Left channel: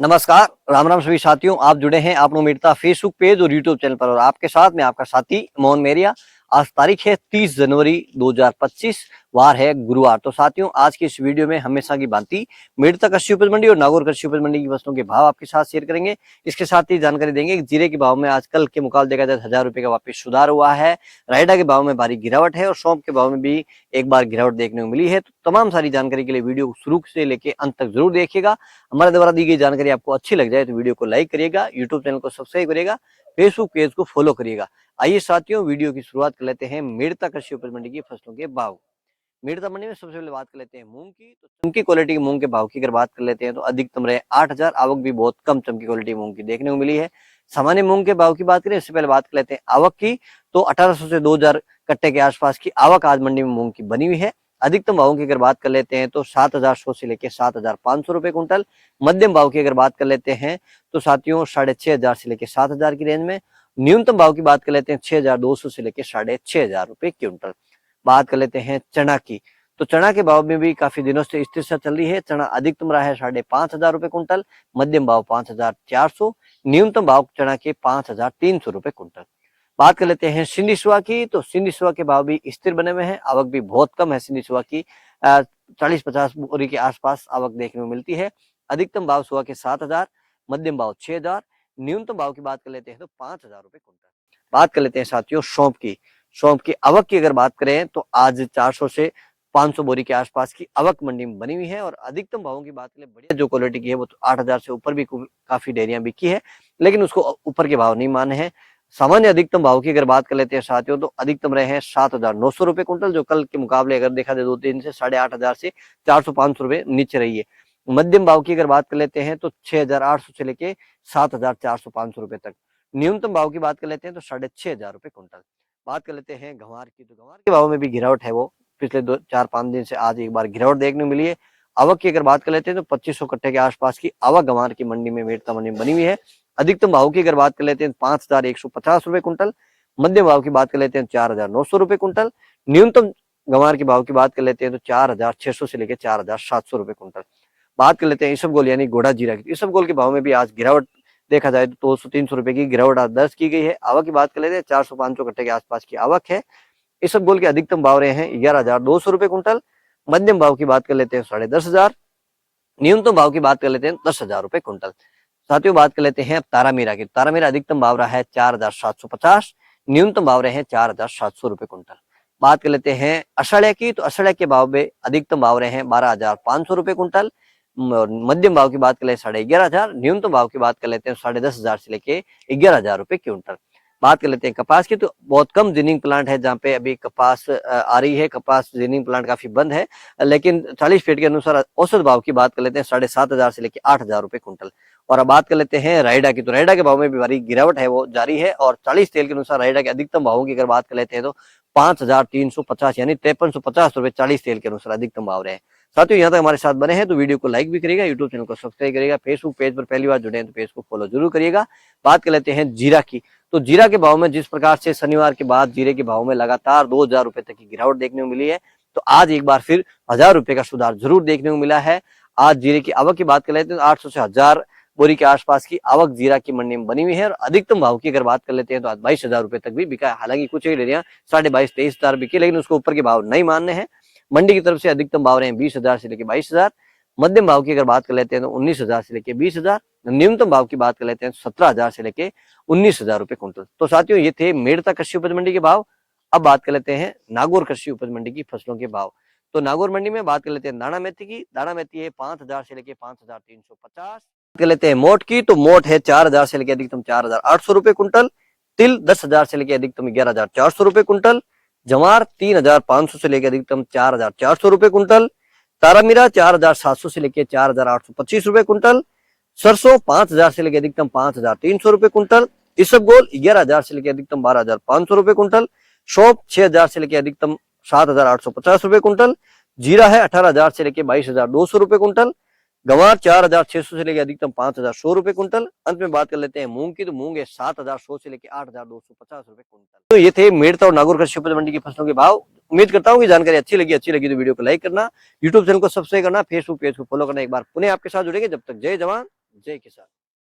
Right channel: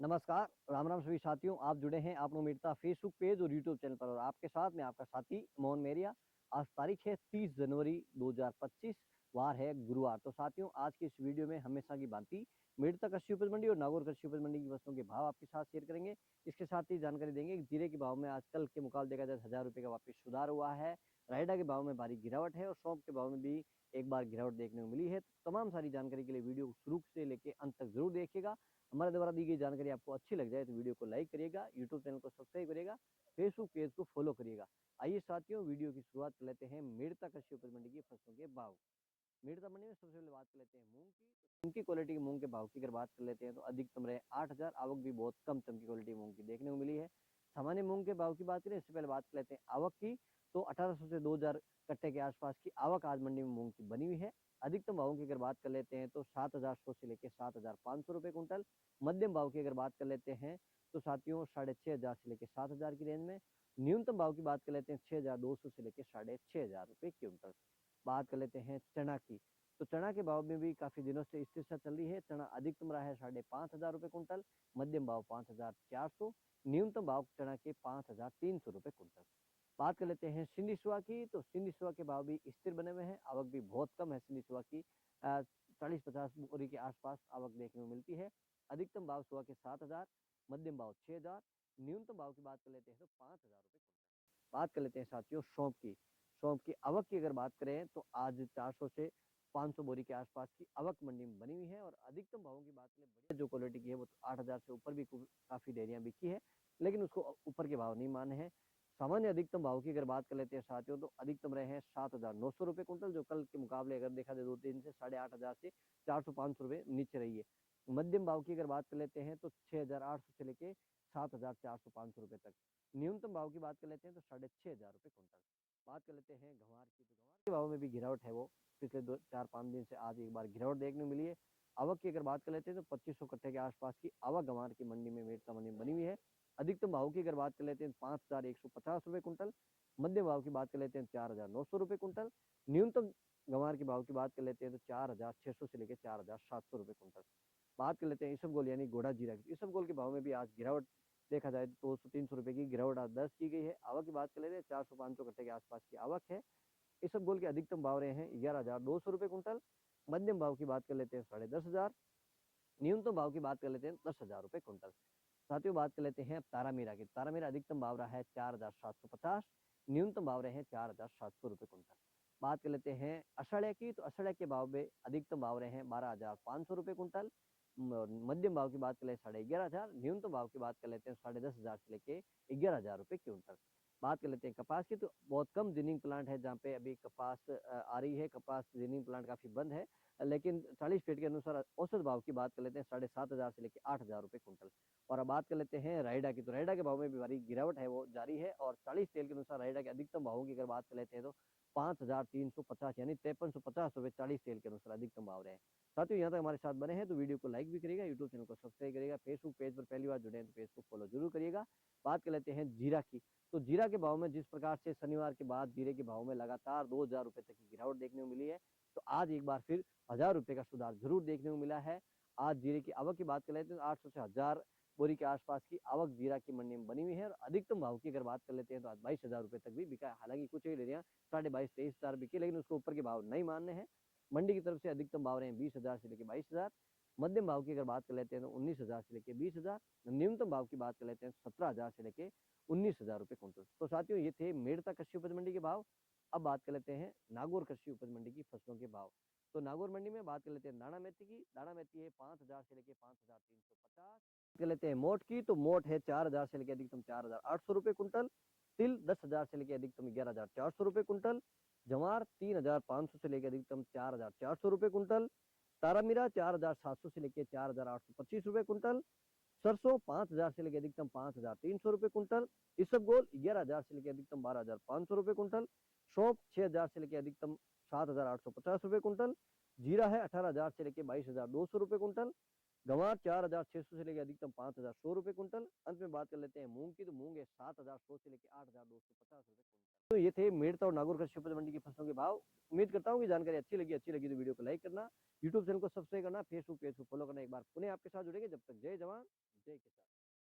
नमस्कार, राम राम सभी साथियों। आप जुड़े हैं आप मीरता फेसबुक पेज और यूट्यूब चैनल पर और आपके साथ में आपका साथी मोहन मेरिया। आज तारीख है 30 जनवरी 2025, वार है गुरुवार। तो साथियों, आज की इस वीडियो में हमेशा की भांति मेरता कृषि उपज मंडी और नागौर कृषि उपज मंडी की फसलों के भाव आपके साथ शेयर करेंगे। इसके साथ ही जानकारी देंगे कि जीरे के भाव में आज कल के मुकाबले देखा जाए 1000 रुपए का वापस सुधार हुआ है। रायडा के भाव में भारी गिरावट है और सौंफ के भाव में भी एक बार गिरावट देखने को मिली है। तो तमाम सारी जानकारी के लिए वीडियो को शुरू से लेकर अंत तक जरूर देखिएगा। हमारे द्वारा दी गई जानकारी आपको अच्छी लग जाए तो वीडियो को लाइक करिएगा, यूट्यूब चैनल को सब्सक्राइब करिएगा, फेसबुक पेज को फॉलो करिएगा। आइए साथियों, वीडियो की शुरुआत कर लेते हैं मेरता कृषि उपज मंडी की फसलों के भाव। मेरता मंडी में सबसे पहले बात कर लेते हैं मूंग की। तो चमकी क्वालिटी के मूंग के भाव की अगर बात कर लेते हैं तो अधिकतम रहे 8000, आवक भी बहुत कम चमकी क्वालिटी मूंग की देखने को मिली है। सामान्य मूंग के भाव की बात करें इससे पहले बात कर लेते हैं आवक की। तो 1800 से 2000 कट्टे के आसपास की आवक आज मंडी में मूंग की बनी हुई है। अधिकतम भावों की अगर बात कर लेते हैं तो 7100 से लेकर 7500 रुपए कुंटल। मध्यम भाव की अगर बात कर लेते हैं तो साथियों 6500 से लेकर 7000 की रेंज में। न्यूनतम भाव की बात कर लेते हैं 6200 से लेकर 6500 रुपए क्विंटल। बात कर लेते हैं चना की। तो चना के भाव में भी काफी दिनों से स्थिरता चल रही है। चना अधिकतम रहा है 5500 रुपए कुंटल, मध्यम भाव 5400, न्यूनतम भाव चना के 5300 रुपए कुंटल। बात कर लेते हैं सिंधी सुहा की। तो सिंधी सुहा के भाव भी स्थिर बने हुए हैं, आवक भी बहुत कम है सिंधी सुहा की। 40-50 बोरी के आसपास आवक देखने को मिलती है। अधिकतम भाव सुहा के 7000, मध्यम भाव 6000, न्यूनतम भाव की बात कर लेते हैं तो 5000 रुपए कुंटल। बात कर लेते हैं साथियों सौंफ की। सौंफ की आवक की अगर बात करें तो आज 400 से 500 बोरी के आसपास की आवक मंडी में बनी हुई है और अधिकतम भावों की बात करें बढ़िया जो क्वालिटी की है वो तो 8000 से ऊपर भी काफी डेयरियां बिकी है, लेकिन उसको ऊपर के भाव नहीं माने हैं। सामान्य अधिकतम भाव की अगर बात कर लेते हैं साथियों तो अधिकतम रहे हैं 7900 रुपए कुंटल, जो कल के मुकाबले अगर देखा जाए 2-3 से 8500 से 400-500 रुपए नीचे रही है। मध्यम भाव की अगर बात कर लेते हैं तो 6800 से लेके 7400-500 रुपए तक। न्यूनतम भाव की बात कर लेते हैं तो 6500 रुपए कुंटल। बात कर लेते हैं गंवार की। तो गंवार के भाव में भी गिरावट है, वो पिछले 2-4-5 दिन से आज एक बार गिरावट देखने को मिली है। आवक की अगर बात कर लेते हैं तो 2500 कट्टे के आसपास की आवक गंवार की मंडी में मेरता मंडी में बनी हुई है। अधिकतम भाव की अगर बात कर लेते हैं 5150 रुपए कुंटल, मध्यम भाव की बात कर लेते हैं 4900 रुपए कुंटल, न्यूनतम गंवार के भाव की बात कर लेते हैं तो 4600 से लेकर 4700 रुपए कुंटल। बात कर लेते हैं इसबगोल यानी घोड़ा जीरा की। इसबगोल के भाव में भी आज गिरावट देखा जाए तो 200-300 रुपए की गिरावट आज दर्ज की गई है। आवक की बात कर लेते हैं 400-500 कट्टे के आसपास की आवक है। इसबगोल के अधिकतम भाव रहे हैं 11200 रुपए कुंटल, मध्यम भाव की बात कर लेते हैं 10,500, न्यूनतम भाव की बात कर लेते हैं 10,000 रुपए कुंटल। साथियों बात कर लेते हैं अब तारामीरा की। तारामीरा अधिकतम भाव रहा है 4750, न्यूनतम भाव रहे हैं 4700 रुपए कुंटल। बात कर लेते हैं अषाढ़िया की। तो अषाढ़िया के भाव में अधिकतम भाव रहे हैं 12,500 रुपए कुंटल, मध्यम भाव की बात कर ले 11,500, न्यूनतम भाव की बात कर लेते हैं 10,500 से लेके 11,000 रुपए क्विंटल। बात कर लेते हैं कपास की। तो बहुत कम जिनिंग प्लांट है जहाँ पे अभी कपास आ रही है। कपास जिनिंग प्लांट काफी बंद है, लेकिन 40 फीट के अनुसार औसत भाव की बात कर लेते हैं 7,500 से लेकर 8,000 रुपए कुंटल। और अब बात कर लेते हैं रायडा की। तो रायडा के भाव में भी भारी गिरावट है वो जारी है और 40 तेल के अनुसार रायडा के अधिकतम भावों की अगर बात कर लेते हैं तो 5,350 यानी 5350 रुपए 40 तेल के अनुसार अधिकतम भाव रहे हैं। साथियों यहाँ तक हमारे साथ बने हैं तो वीडियो को लाइक भी करिएगा, यूट्यूब चैनल को सब्सक्राइब करिएगा, फेसबुक पेज पर पहली बार जुड़े हैं तो पेज को फॉलो जरूर करिएगा। बात कर लेते हैं जीरा की। तो जीरा के भाव में जिस प्रकार से शनिवार के बाद जीरे के भाव में लगातार 2000 रुपए तक की गिरावट देखने को मिली है, तो आज एक बार फिर 1000 रुपए का सुधार जरूर देखने को मिला है। आज जीरे की आवक की बात कर लेते हैं तो 800 से 1000 बोरी के आसपास की आवक जीरा की मंडी में बनी हुई है और अधिकतम भाव की अगर बात कर लेते हैं तो आज 22,000 रुपए तक भी बिका है। हालांकि कुछ एरिया 22,500-23,000 बिके, लेकिन उसको ऊपर के भाव नहीं मानने हैं। मंडी की तरफ से अधिकतम भाव रहे हैं 20,000 से लेकर 22,000, मध्यम भाव की अगर बात कर लेते हैं तो 19,000 से लेकर 20,000, न्यूनतम भाव की बात कर लेते हैं तो 17,000 से लेकर 19,000 रुपए कुंटल। तो साथियों ये थे मेरता कृषि उपज मंडी के भाव। अब बात कर लेते हैं नागौर कृषि उपज मंडी की फसलों के भाव। तो नागौर मंडी में बात कर लेते हैं दाना मेथी की। दाना मेथी है 5,000 से लेकर 5,350। कर लेते हैं मोट की। तो मोट है 4,000 से लेकर अधिकतम 4,800 रुपए कुंटल। तिल 10,000 से लेकर अधिकतम 11,400 रुपए कुंटल। जवार 3,500 से लेकर अधिकतम 4,400 रुपए कुंटल। तारामीरा 4,700 से लेकर 4,825 रुपए कुंटल। सरसों 5,000 से लेकर अधिकतम 5,300 रुपए कुंटल। इसबगोल 11,000 से लेकर अधिकतम 12,500 रुपए कुंटल। सौंफ 6,000 से लेकर अधिकतम 7,850 रुपए कुंटल। जीरा है 18,000 से लेकर 22,200 रुपए कुंटल। गंवार 4,600 से लेकर अधिकतम 5,100 रुपए कुंटल। अंत में बात कर लेते हैं मूंग की। तो मूंग है 7,100 से लेकर 8,250 रुपए कुंटल। तो ये थे मेरता और नागौर कृषि उपज मंडी की फसलों के भाव। उम्मीद करता हूँ कि जानकारी अच्छी लगी तो वीडियो को लाइक करना, यूट्यूब चैनल को सब्सक्राइब करना, फेसबुक पेज को फॉलो करना। एक बार पुनः आपके साथ जुड़ेंगे, जब तक जय जवान जय किसान।